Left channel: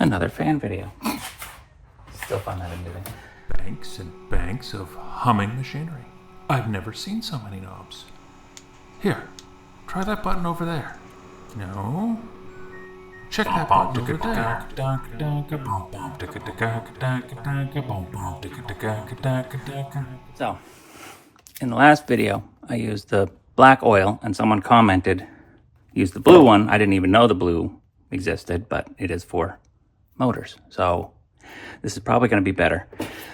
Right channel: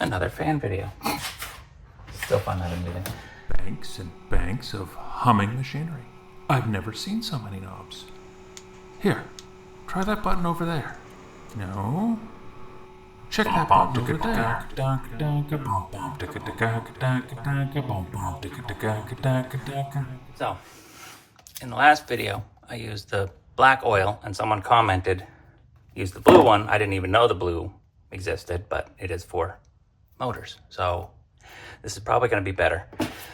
Another fan video. Still find that amusing. Banks and banks of humming machinery. I've never seen so many knobs. Here, try that button over there. No. Check that button over there. So, in the last video, I used the black oil, and someone commented, use the blue one. I didn't even know the blue existed, but it is for motors. So this is probably going to be better.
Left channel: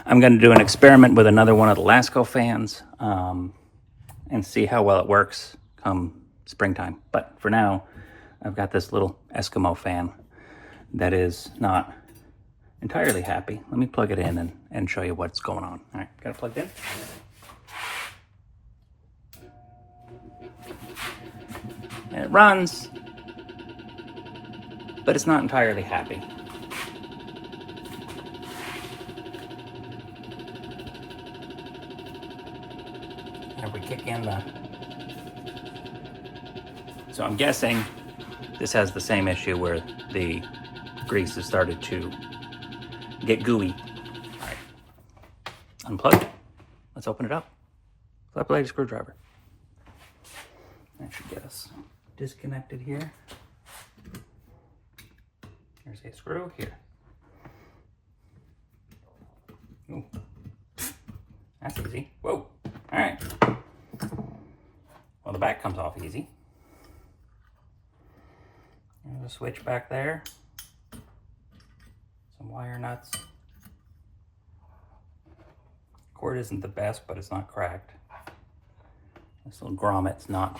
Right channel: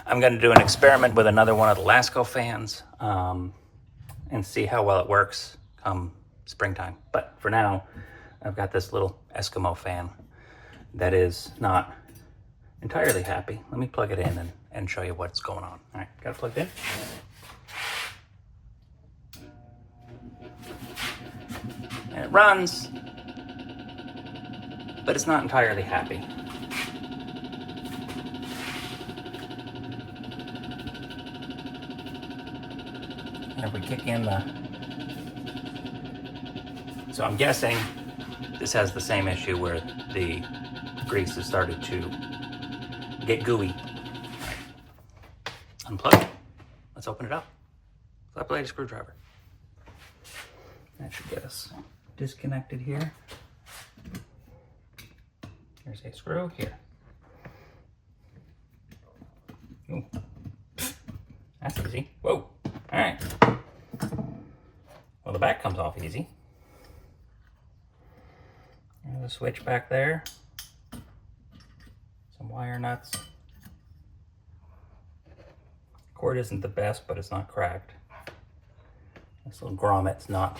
I'm going to do an experiment with another one of the Lasco fans and see how well it works come springtime. But for now, I've got this little Eskimo fan that is not entirely happy. Let me plug it in and show you what's going on. All right, got it plugged in. And it runs, but it's not entirely happy. And if we kick in the... So I'm guessing this has the same issue where the grease has started to get gooey. Unplug it. Let's open it up. Flat blade screwdriver. That should get us disconnected here. Here's a screw here. Ooh. That's easy. Whoa. All right. Well, the back comes off easy. There's a switch back there. Some wire nuts. Cord isn't the best, but it's not cracked. This little grommet's not.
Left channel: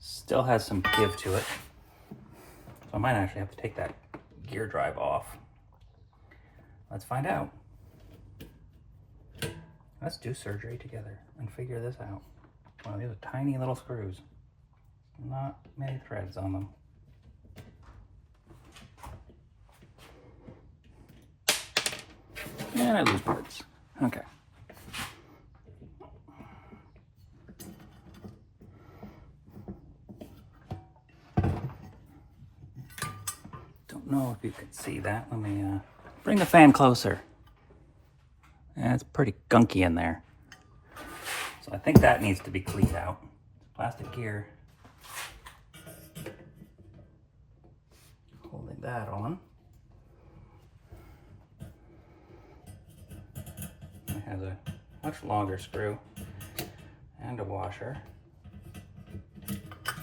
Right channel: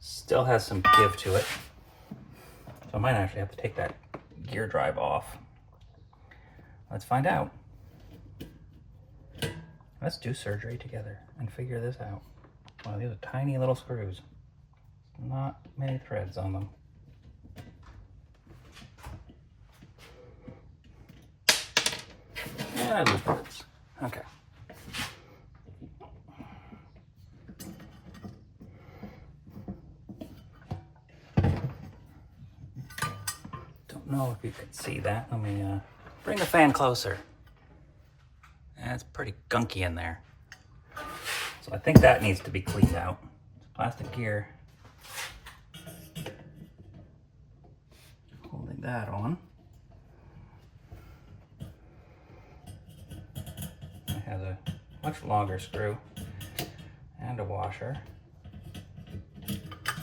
Still has some give to it. So I might actually have to take that gear drive off. Let's find out. Let's do surgery together and figure this out. Wow, these are tiny little screws. Not many threads on them. Yeah, those threads. Okay. Don't know if you can see that. Let me bring the fan closer. Yeah, it's pretty gunky in there. So I think that needs to be cleaned out. Plastic gear. Holding that on. It has a much longer screw and a washer.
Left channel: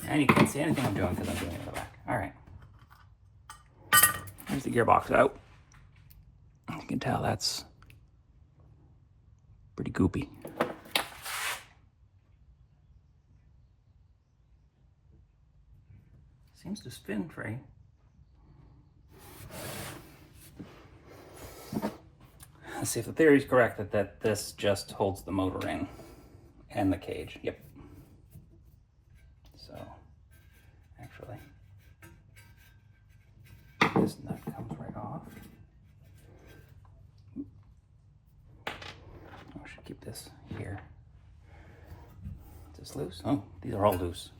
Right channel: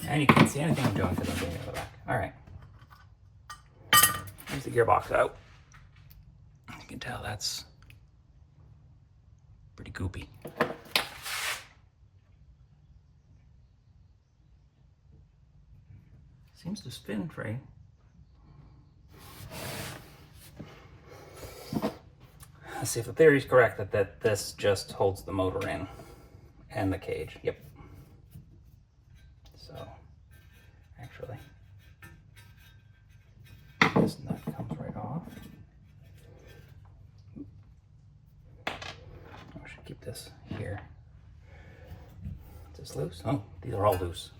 And you can't see anything I'm doing because I'm doing it in the back. All right. Here's the gearbox out. You can tell that's pretty goopy. Seems to spin free. Let's see if the theory is correct that this just holds the motor in and the cage. Yep. So, actually, this nut comes right off. I should keep this here. Is this loose? Oh, these are all loose.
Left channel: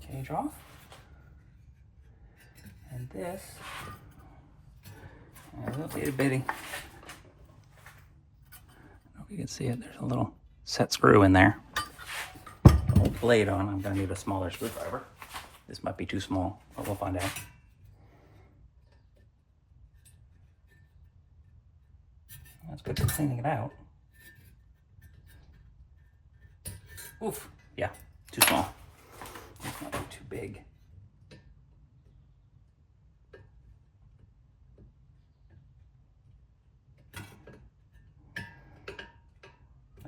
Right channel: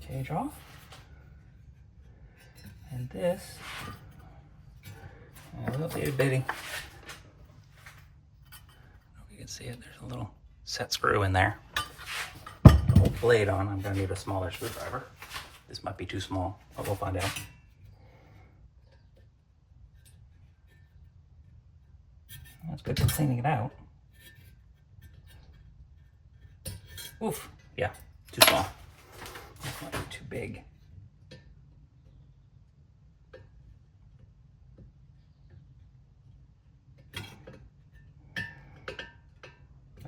Cage off. And this, a little itty bitty. You can see it, there's a little set screw in there. Hold the blade on, I'm gonna need a smaller screwdriver. This might be too small, but we'll find out. That's good for cleaning it out. Oof, yeah, too small. This might be too big.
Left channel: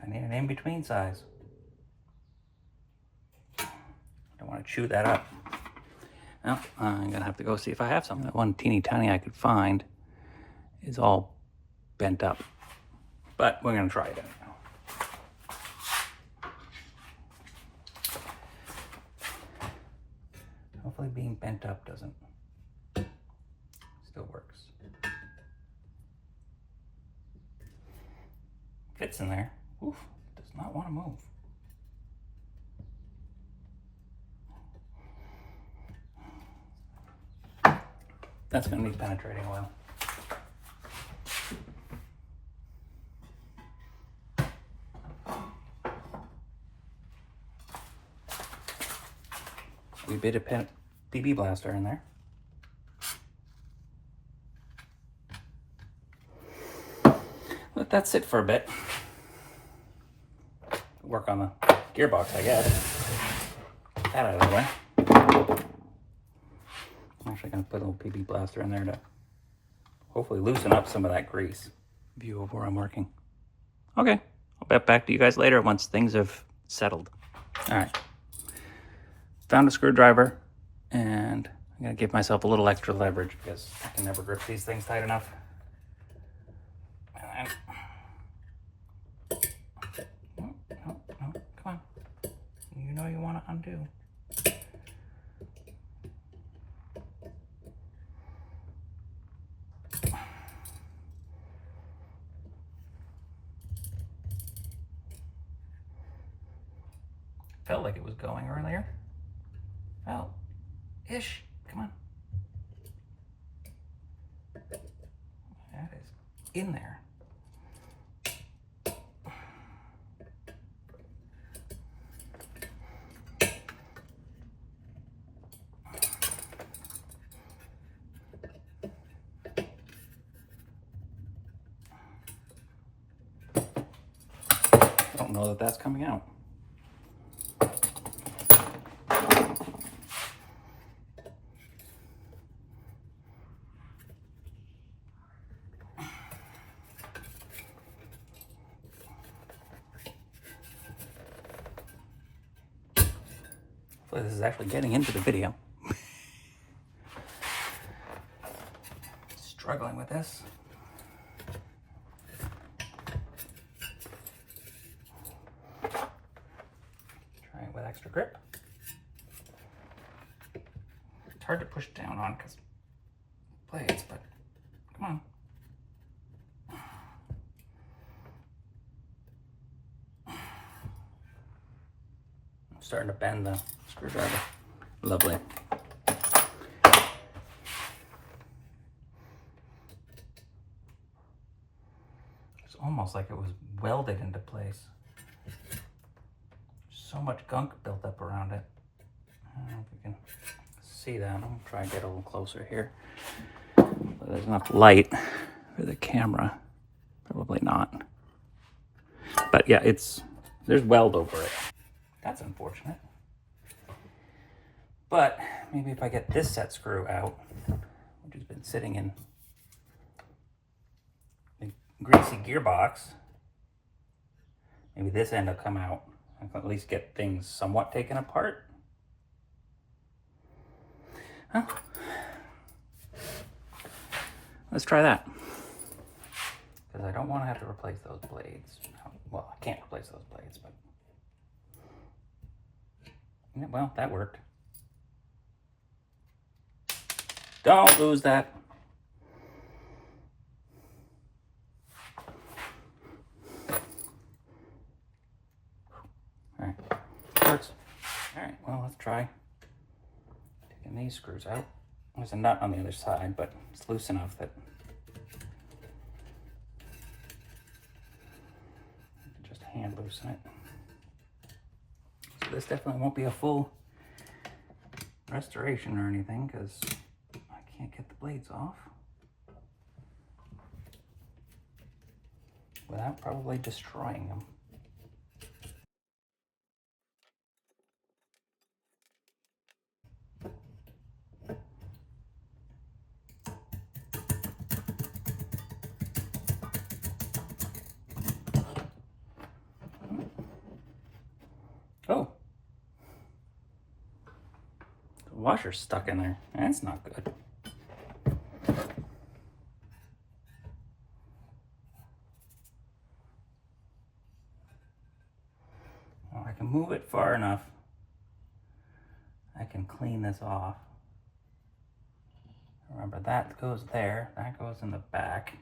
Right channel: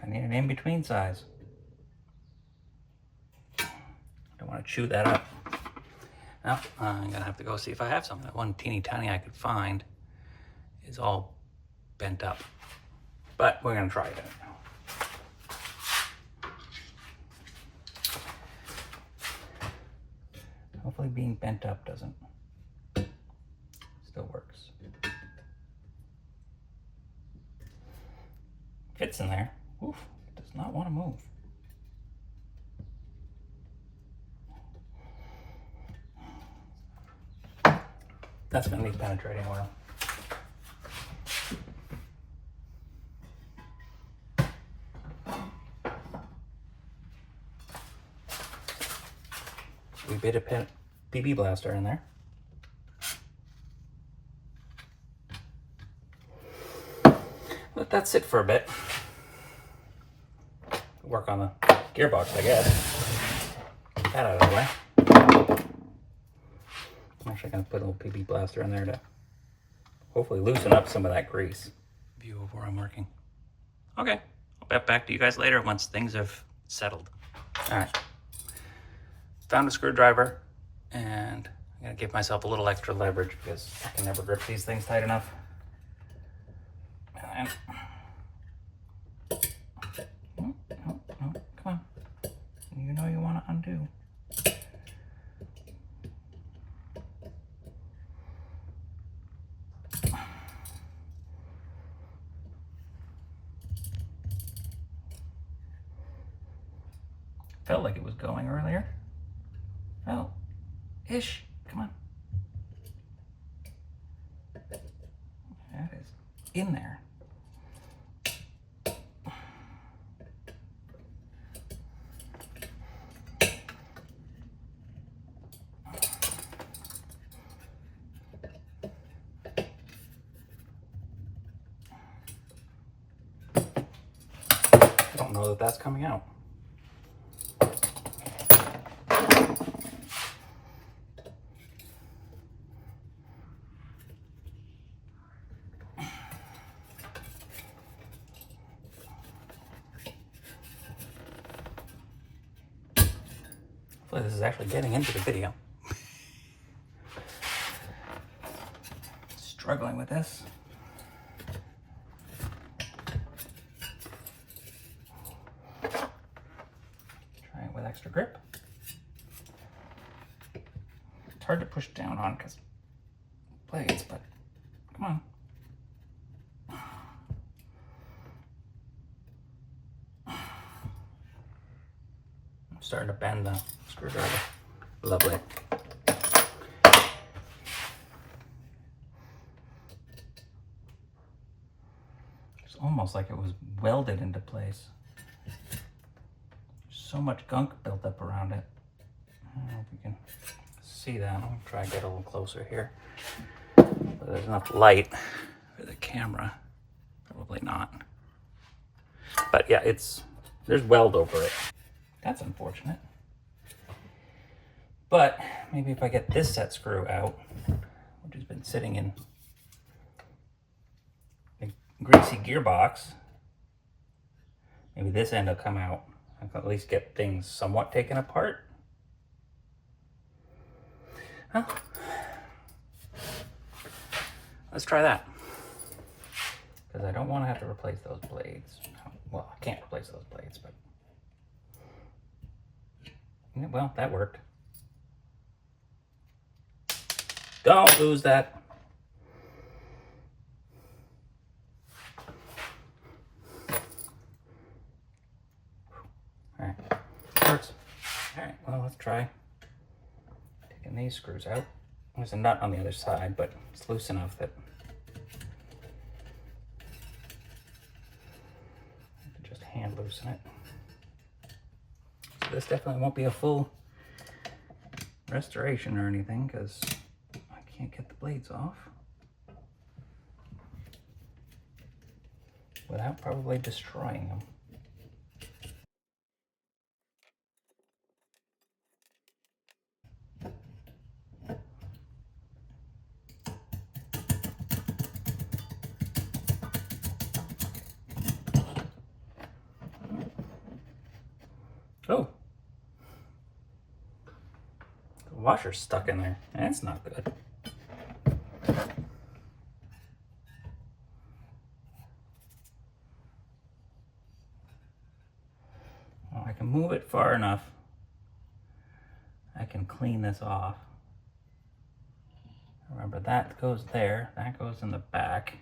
I need an in-between size. I don't want to chew that up. Well, I'm gonna have to go see if I have some. That one teeny tiny I could find is all bent up. But we're gonna try it out now. Hopefully being bent up doesn't, still works. fits in there. Oof, it does not want to move. That's my new penetrating oil. We bit a BB blaster in there. Let that sit for a bit. Work on the gearbox, I guess. Get that out of the way. I'm actually going to put a little BB blaster in there to hopefully loosen up some of that grease. View of where I'm working. Okay, I'll get back to you guys later once things have settled. All right. Found a screwdriver, and I'm going to give myself a little extra leverage because I can never grip these things tight enough. And no, come on. You know you want to undo. Felt like it was going earlier. Well, ish. Come on. That is in there. I don't know that that's coming out. Hopefully this is actually getting into the video. Struggling with this. Try it with extra grip. It's hard to push down on because blades, but come on. I'm starting to bend the screwdriver. Lovely. It's almost like it was welded into place. So much gunk built up around it. I don't know if you can see that. I'm gonna try and get a little closer here. But there's enough light for the camera. Probably not. But yeah, there's weld over it. That's unfortunate. But maybe if I get this set screw out, which has been sitting in a greasy gearbox, maybe this end will come out. I can at least get things somewhat taken apart. Huh? Let's try that. Because I don't want to have to replace those blades. Well, I can't replace those blades, but... yeah, well, that worked. Don't lose that. All right, works. All right, well, let's try taking these screws out. There's a nut on the other side, but it's loose enough that I can just hand loosen it. So this definitely won't be a full restoration or anything because I can't get the blades off without probably destroying them. Oh, the washer's stuck in there. That's not good. Well, I can move it far enough. I can clean this off. Remember, that goes there. That goes in the back.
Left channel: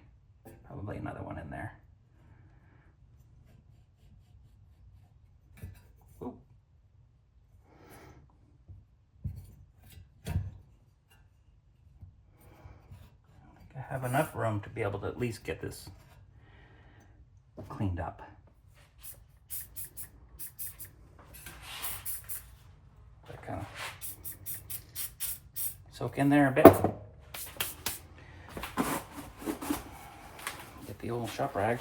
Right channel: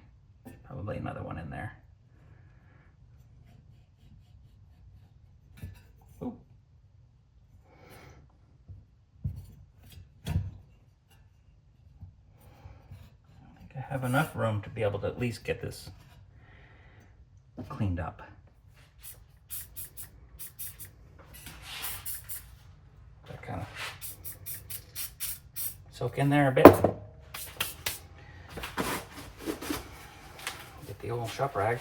Probably another one in there. have enough room to be able to at least get this cleaned up. That kind of soak in there a bit. Get the old shop rag.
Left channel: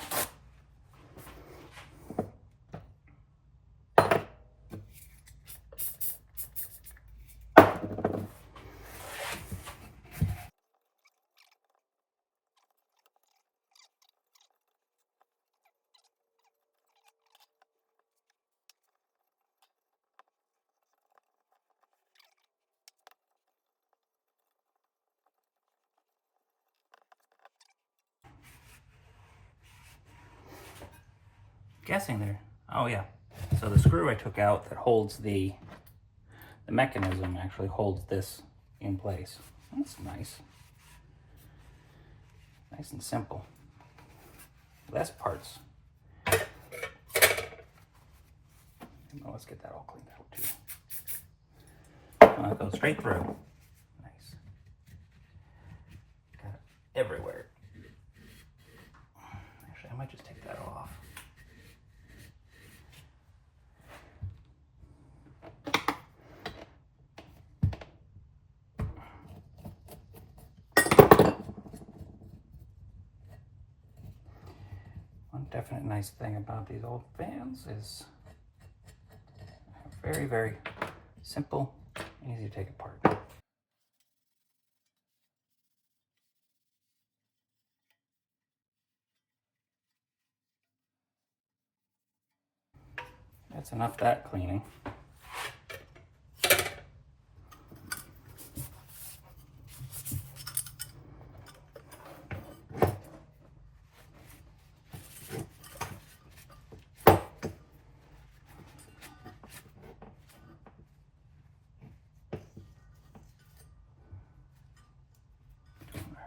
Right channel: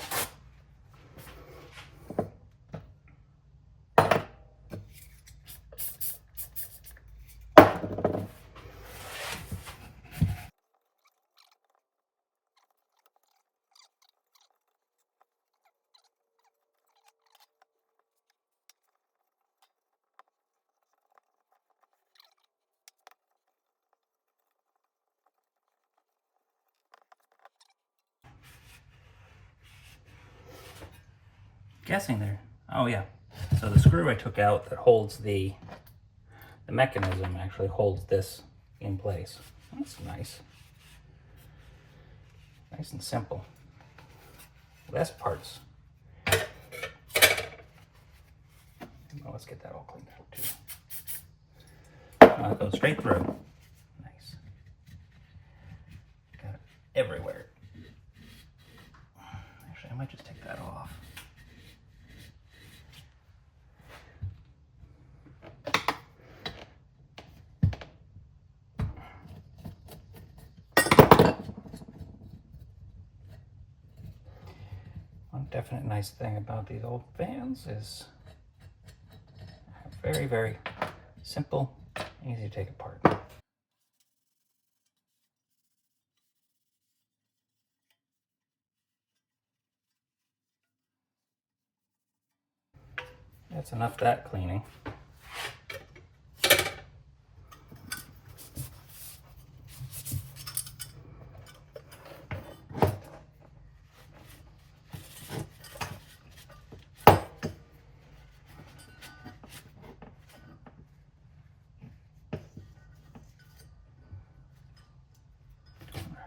Guessing there. Oh yeah. So the screw I took out that holds the mechanism actually holds this in place. That's nice. Nice and simple. Less parts. Well, let's get that all cleaned out too. It goes straight through. Nice. Got it everywhere. Actually, I might just take that off. One definite nice thing about these old fans is very, very simple, easy to take apart. That's enough of that cleaning.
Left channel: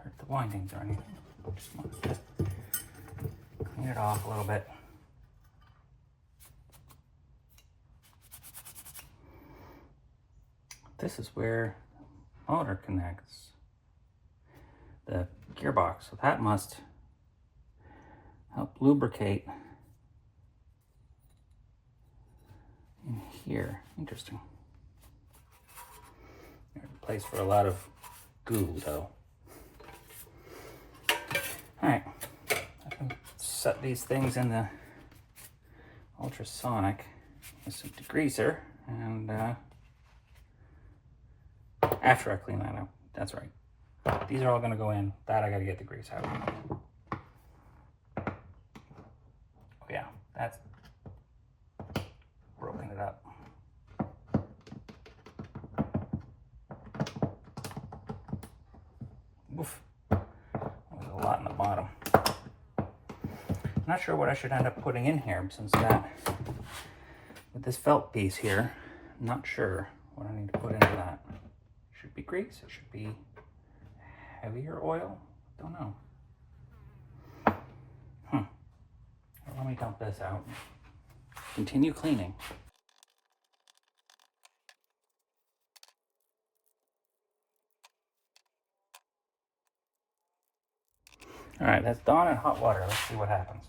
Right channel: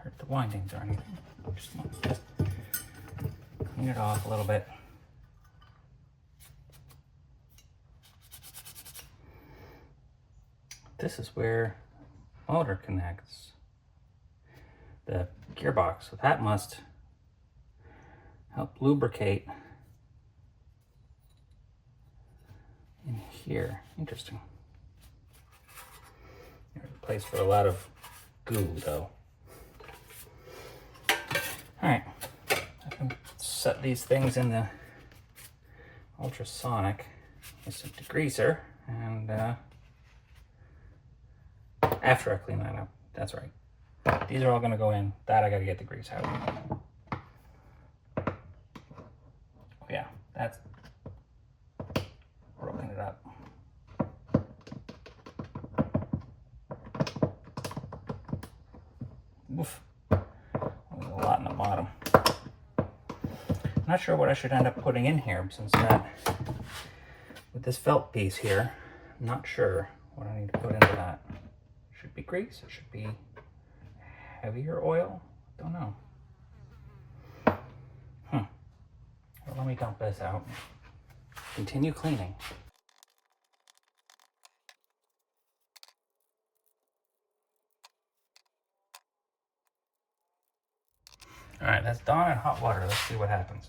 Hurt the windings or anything. Just clean it off a little bit. This is where the motor connects the gearbox, so that must help lubricate in here. Interesting. There's a place for a lot of goo though. Alright, I can set these things in the ultrasonic with some degreaser, and after I clean that up, that's right. These are all gonna go in. That I gotta get the grease out. Oh yeah, that's rolling it up. Oof. There's a lot in the bottom. I'm not sure what I should end up putting in here since that, with this felt piece here, I'm not sure what I need to put into that. Should be grease, it should be heavier oil, don't know. Well, let me dump this out. Continue cleaning. All right, that's Dawn in hot water. Let's see what happens.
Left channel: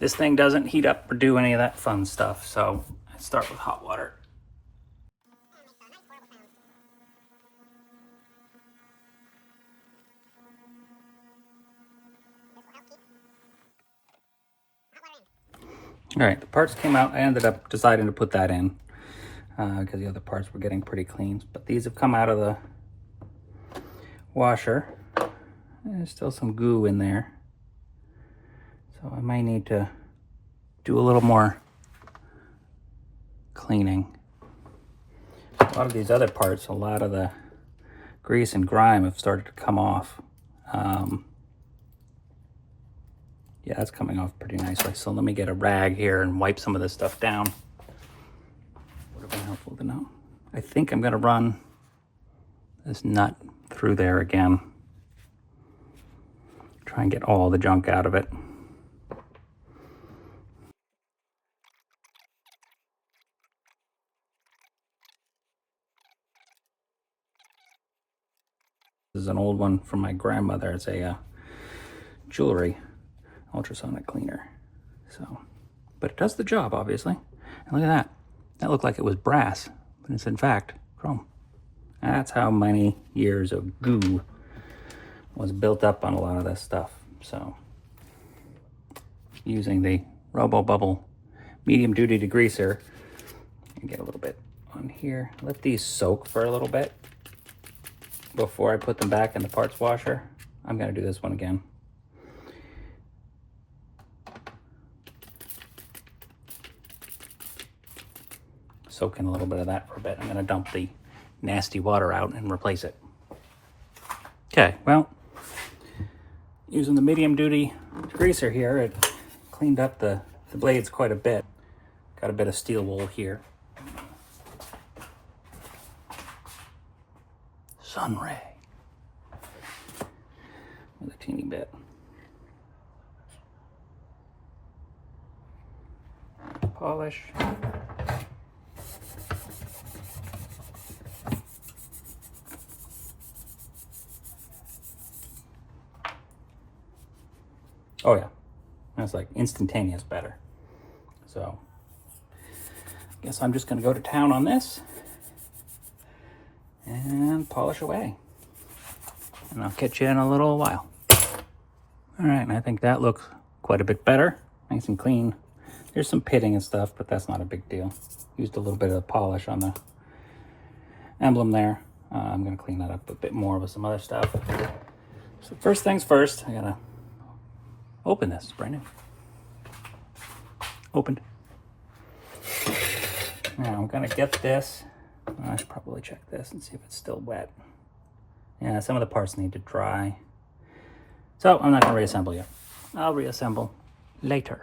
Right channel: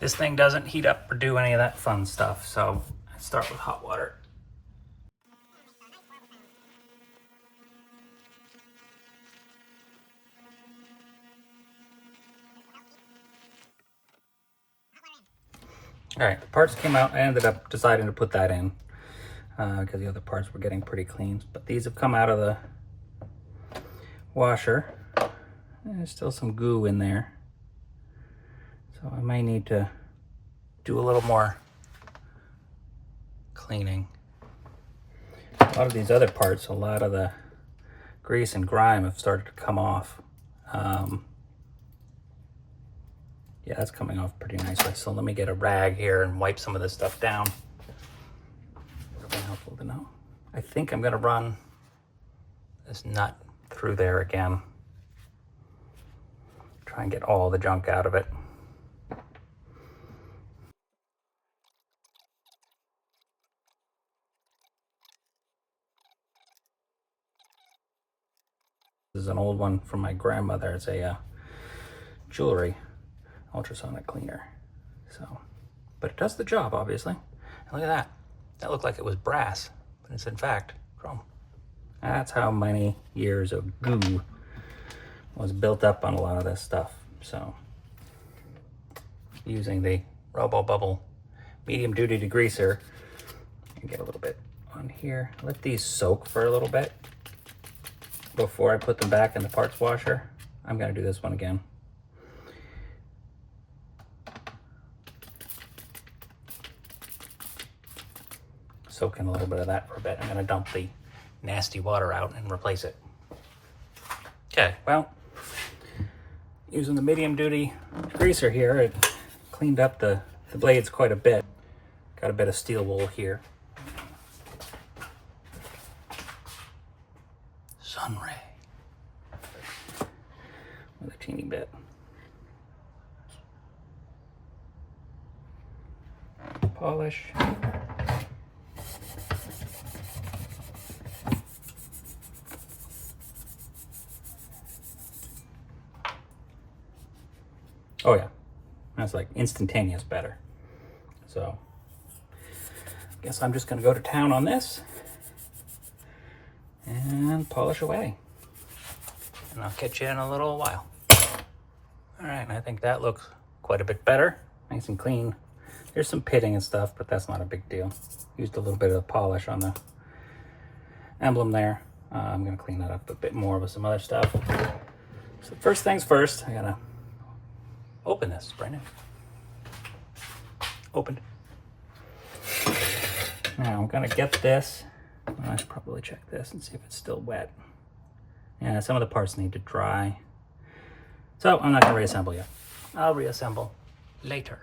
This thing doesn't heat up or do any of that fun stuff, so I start with hot water. All right, the parts came out. I ended up deciding to put that in because the other parts were getting pretty clean. But these have come out of the washer. There's still some goo in there, so I might need to do a little more cleaning. A lot of these other parts, a lot of the grease and grime have started to come off. Yeah, that's coming off pretty nicely. So let me get a rag here and wipe some of this stuff down. Helpful to know. I think I'm gonna run this nut through there again. Try and get all the junk out of it. This is an old one from my grandmother. It's a jewelry ultrasonic cleaner. So, but it does the job, obviously. And look at that. That looked like it was brass, but it's in fact chrome. That's how many years of goo was built up on a lot of this stuff. So, using the Robo Bubble medium duty degreaser, and get a little bit on here. Let these soak for a little bit before I put them back in the parts washer. I'm gonna do this one again. Soak in a little bit of that for a bit. I'm gonna dump the nasty water out and replace it. Okay, well, using the medium duty degreaser here, it cleaned up the blades quite a bit. Got a bit of steel wool here. Sun ray. With a teeny bit. Polish. Oh yeah, that's like instantaneous better. So, guess I'm just gonna go to town on this and polish away. And I'll catch you in a little while. All right, and I think that looks quite a bit better. Nice and clean. There's some pitting and stuff, but that's not a big deal. Used a little bit of polish on the emblem there. I'm gonna clean that up a bit more with some other stuff. So first things first, I gotta open this, Brandon. Opened. Now I'm gonna get this. I should probably check this and see if it's still wet. Yeah, some of the parts need to dry. So I'm not gonna reassemble yet. I'll reassemble later.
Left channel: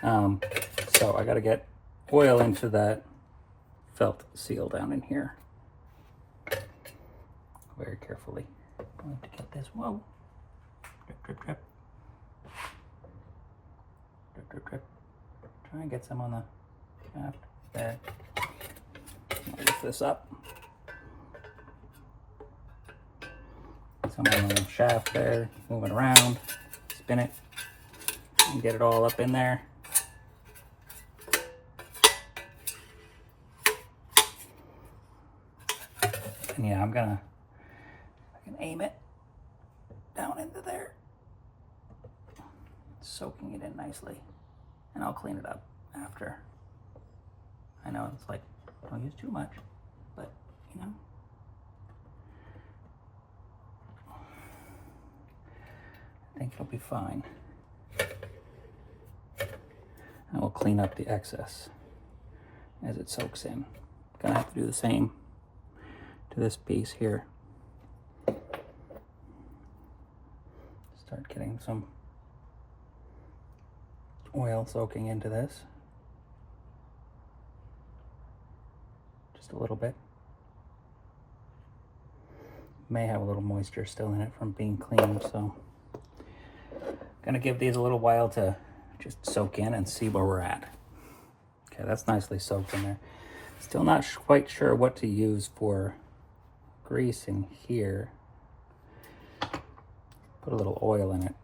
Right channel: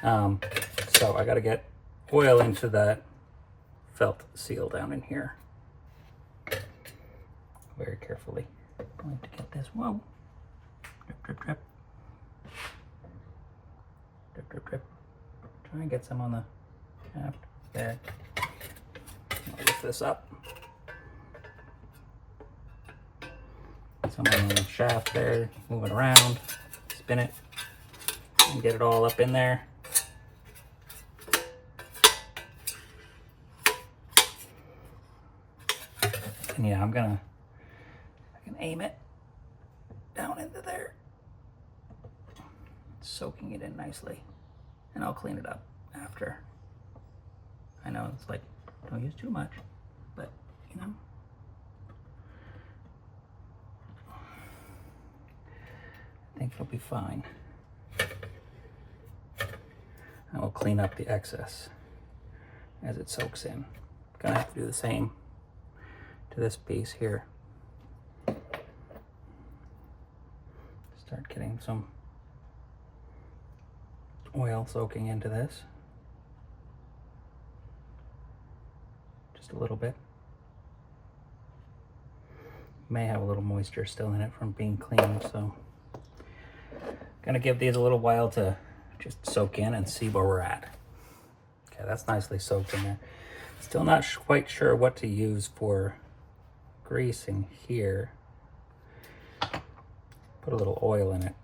So I gotta get oil into that felt seal down in here. Very carefully. I have to get this. Whoa. Drip, drip, drip. Drip, drip, drip. Try and get some on the shaft there. Lift this up. Some on the shaft there. Move it around. Spin it. And get it all up in there. And yeah, I can aim it down into there. Soaking it in nicely. And I'll clean it up after. I know it's like, don't use too much, but you know. I think it'll be fine. And we'll clean up the excess as it soaks in. Gonna have to do the same to this piece here. Start getting some oil soaking into this. Just a little bit. May have a little moisture still in it from being cleaned, so gonna give these a little while to just soak in and see where we're at. Okay, that's nicely soaked in there. Still not quite sure what to use for greasing here. Put a little oil in it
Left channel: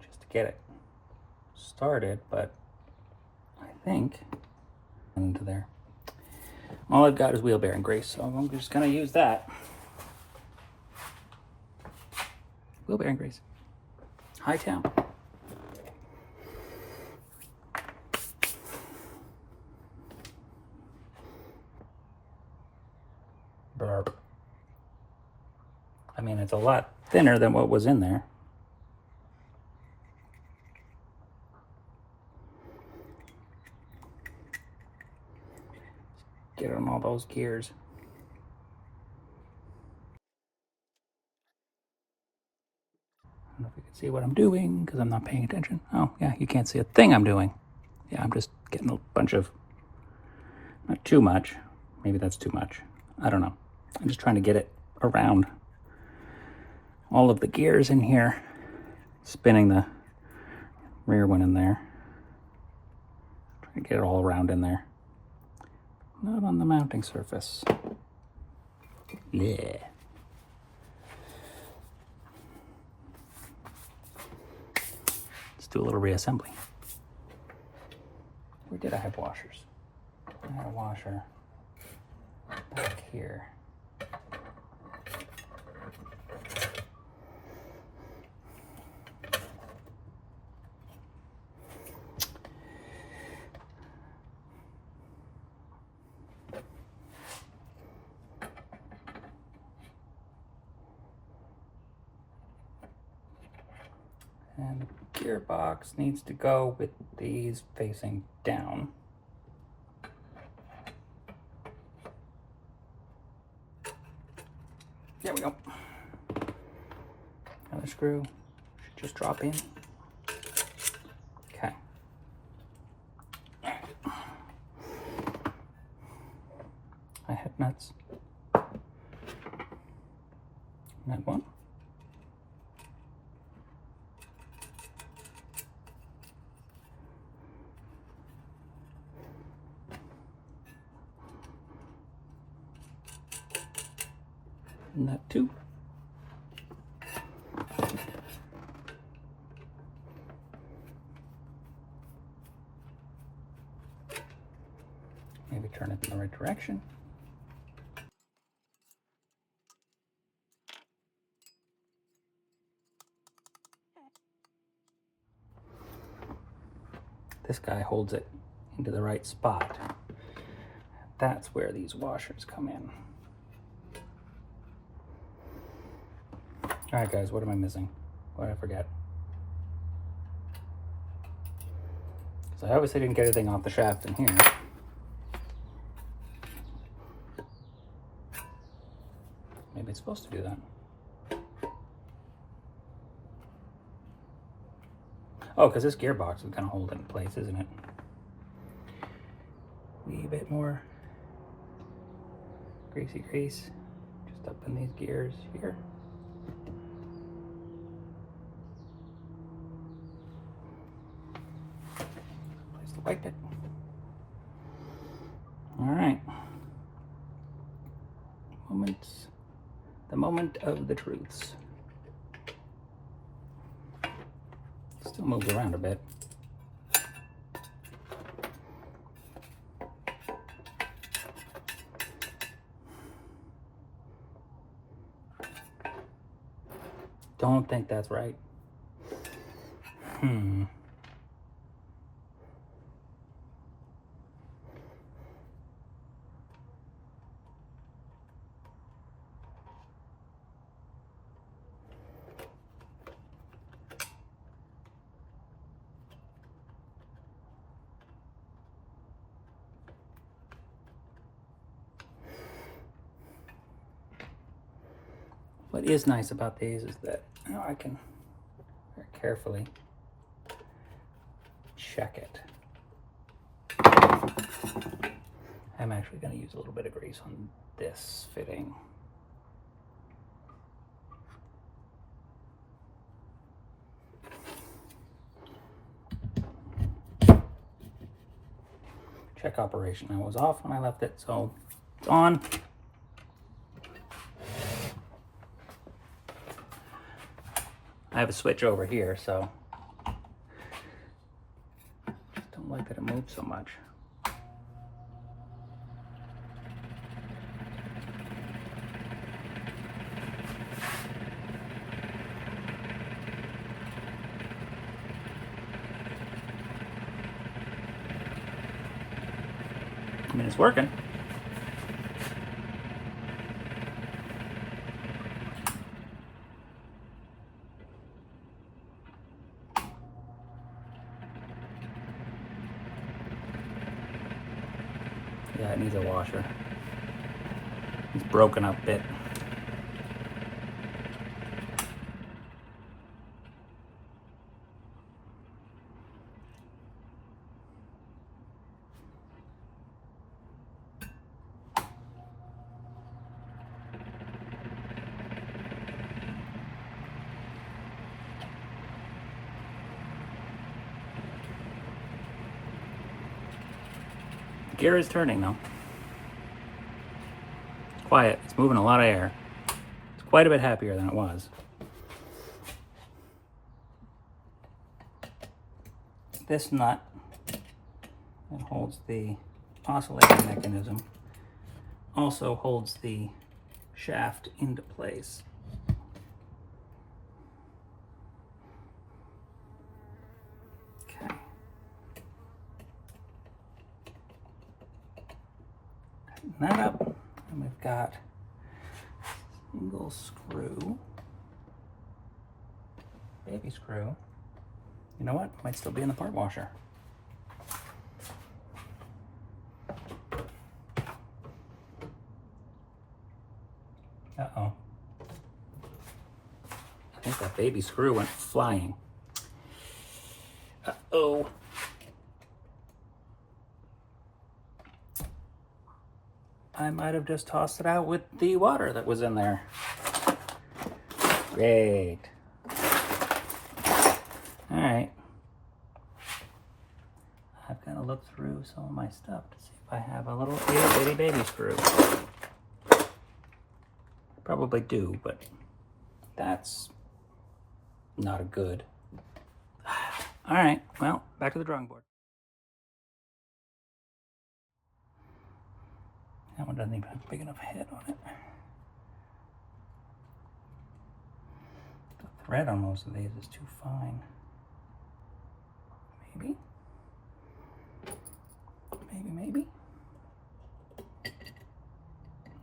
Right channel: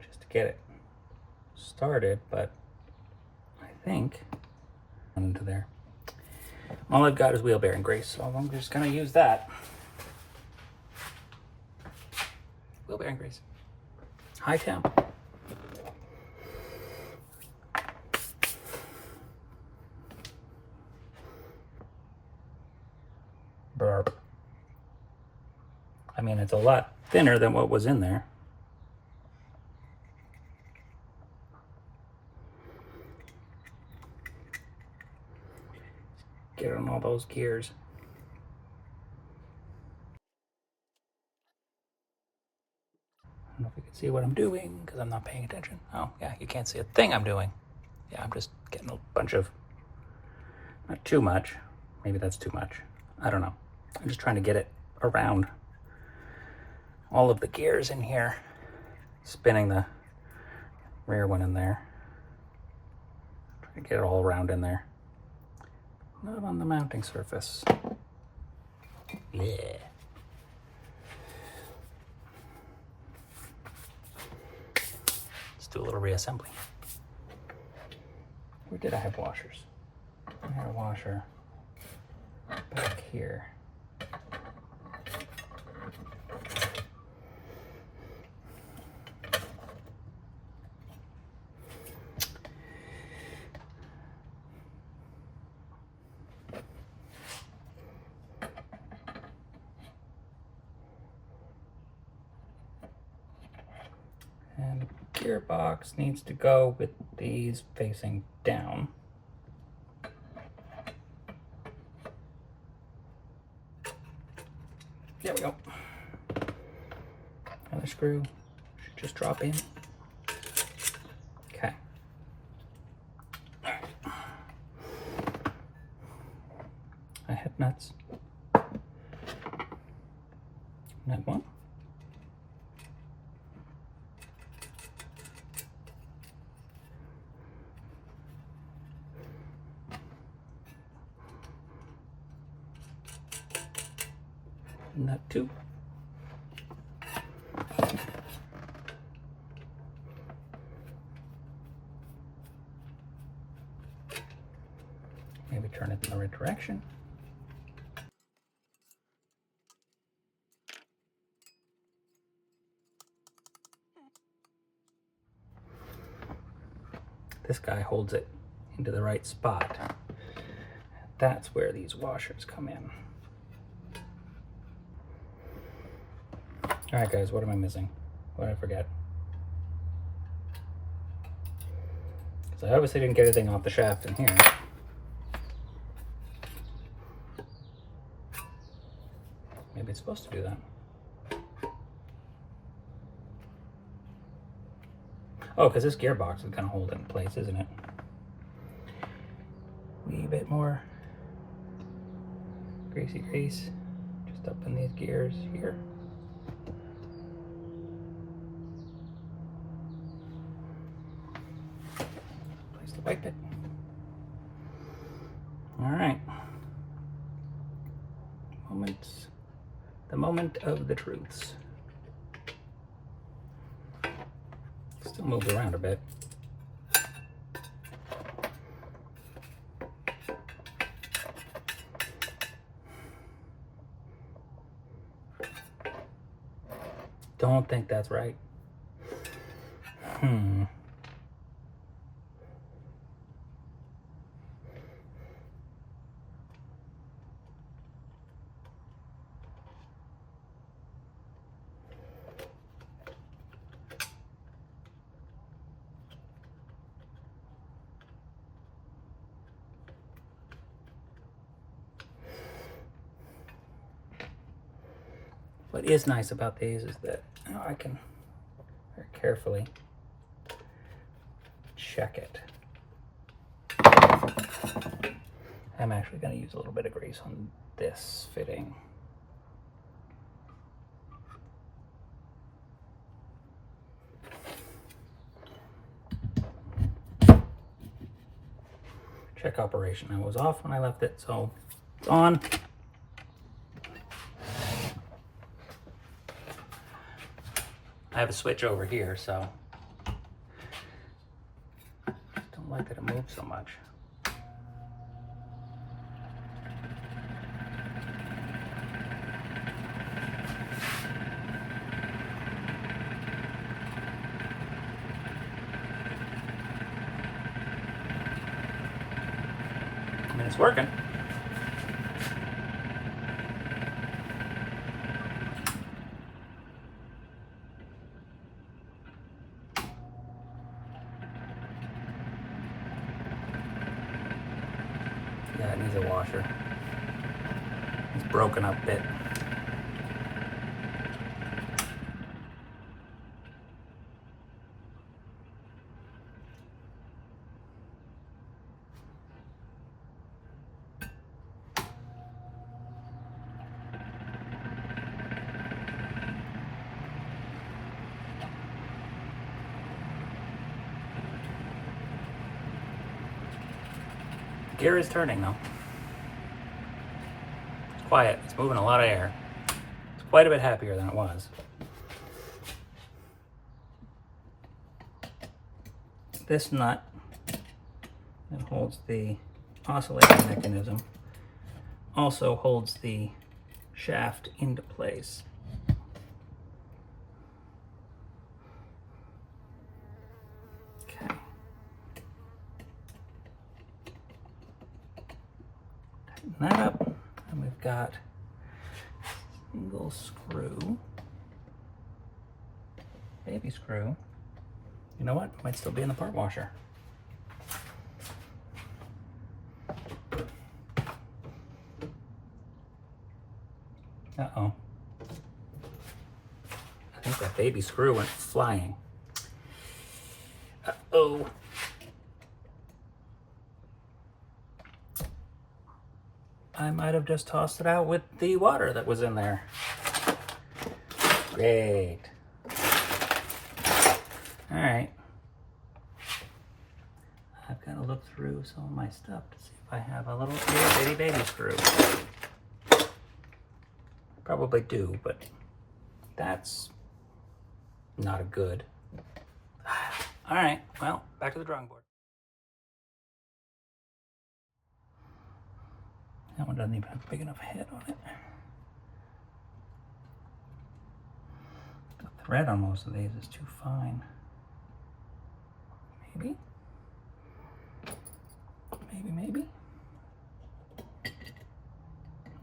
just to get it started, but I think into there. All I've got is wheel bearing grease, so I'm just gonna use that. Wheel bearing grease. High temp. Burp. I mean, it's a lot thinner than what was in there. get on all those gears. I don't know if you can see what I'm doing because I'm not paying attention. Oh, yeah, you can't see a thing I'm doing. Yeah, I'm just getting a bunch of, not too much. Maybe that's too much. I don't know. I'm just trying to get it around all of the gears in here. Spinning the rear one in there. Trying to get it all around in there. Not on the mounting surface. Yeah. Let's do a little reassembly. Where did I have washers? I had a washer back here. And the gearbox needs to go with these facing down. There we go. Another screw should just drop in. Okay. I had nuts. Nut one. Nut two. Maybe turn it in the right direction. This guy holds it into the right spot. That's where these washers come in. All right, guys, what am I missing? What did I forget? Because I obviously didn't get anything off the shaft in here. Maybe it's supposed to do that. Oh, because this gearbox is going to hold it in place, isn't it? Wee bit more greasy grease just up in these gears here. Place the white bit. All right. The moment of the truths. Still moves around a bit. Don't think that's right. What is nice about these is that I can very carefully check it. I'm actually going to use a little bit of grease on this fitting. Check operation. I was off when I left it, so it's on. I have a switch over here, so don't like that it moves so much. I mean, it's working. Yeah, That needs a washer. It's broken up a bit. The gear is turning though. It's quiet. It's moving a lot of air. It's quite a bit happier than it was. This nut that holds the oscillating mechanism also holds the shaft into place. Okay. Tighten that up, and we've got a single screw, baby screw. You know what? Might still be in the part washer. Uh-oh. I think that baby screw went flying. Uh-oh. I might have just tossed it out with the water that was in there. Great. All right. I've got to look through some of my stuff to see if I have a little itty bitty baby screw. I probably do, but that's not a good. All right, well, back to the drawing board. That one doesn't even have a big enough head on it. The thread on most of these is too fine. Maybe. Maybe.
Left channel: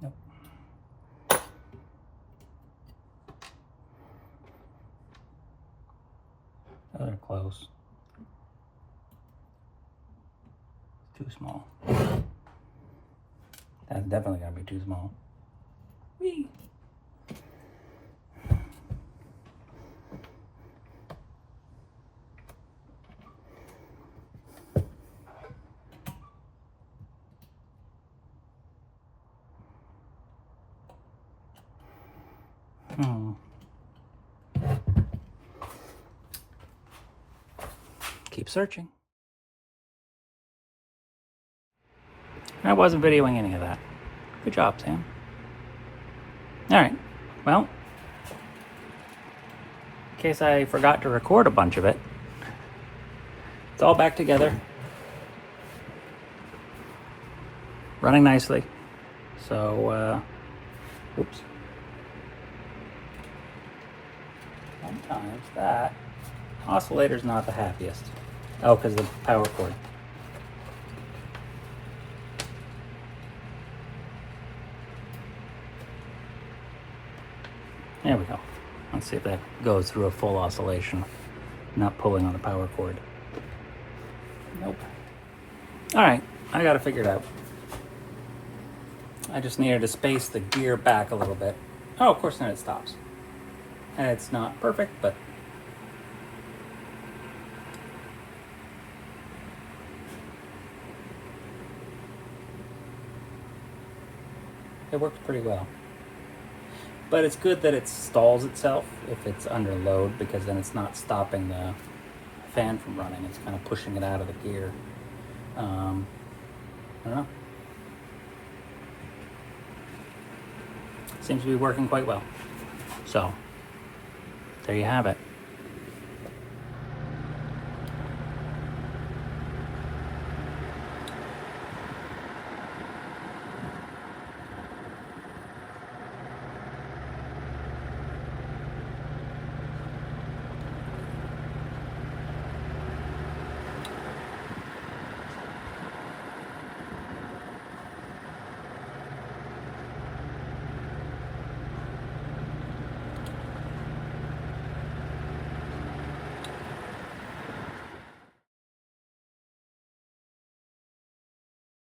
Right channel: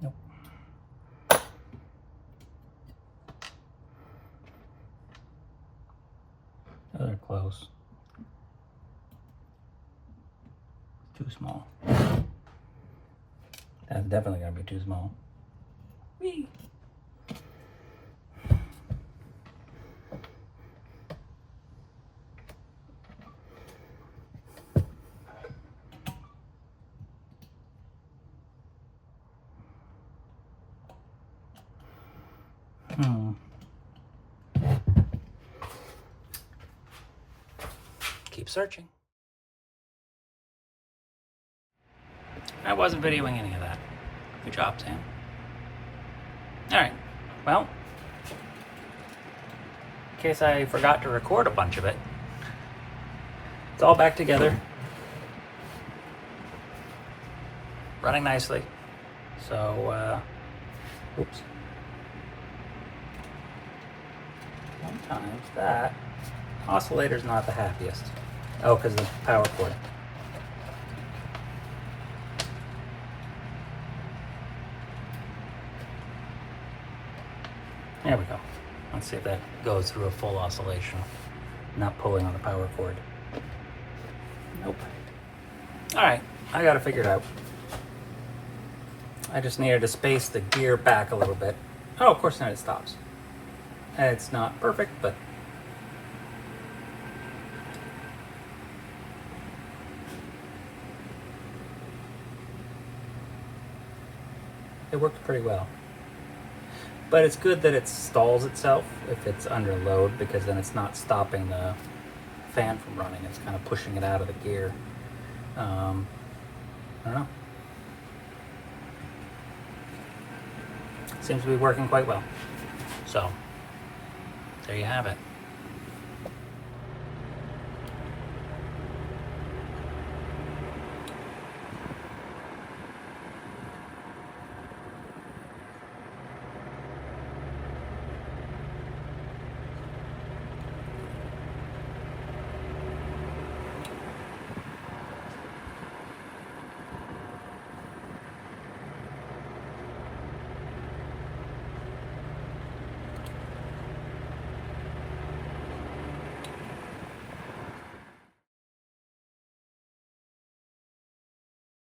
Nope. Oh, they're close. Too small. That's definitely gotta be too small. Whee! Keep searching. I wasn't videoing any of that. Good job, Sam. Alright, well, in case I forgot to record a bunch of it, it's all back together. Running nicely. So, oops. Sometimes that oscillator's not the happiest. Oh, because the power cord. There we go. Let's see if that goes through a full oscillation. Not pulling on the power cord. Nope. Alright, I gotta figure it out. I just needed to space the gear back a little bit. Oh, of course, then it stops. It's not perfect, but it worked pretty well. But it's good that it stalls itself if it's under load, because then it's not stopping the fan from running. It's kind of pushing it out of the gear. I don't know. Seems to be working quite well. So, there you have it.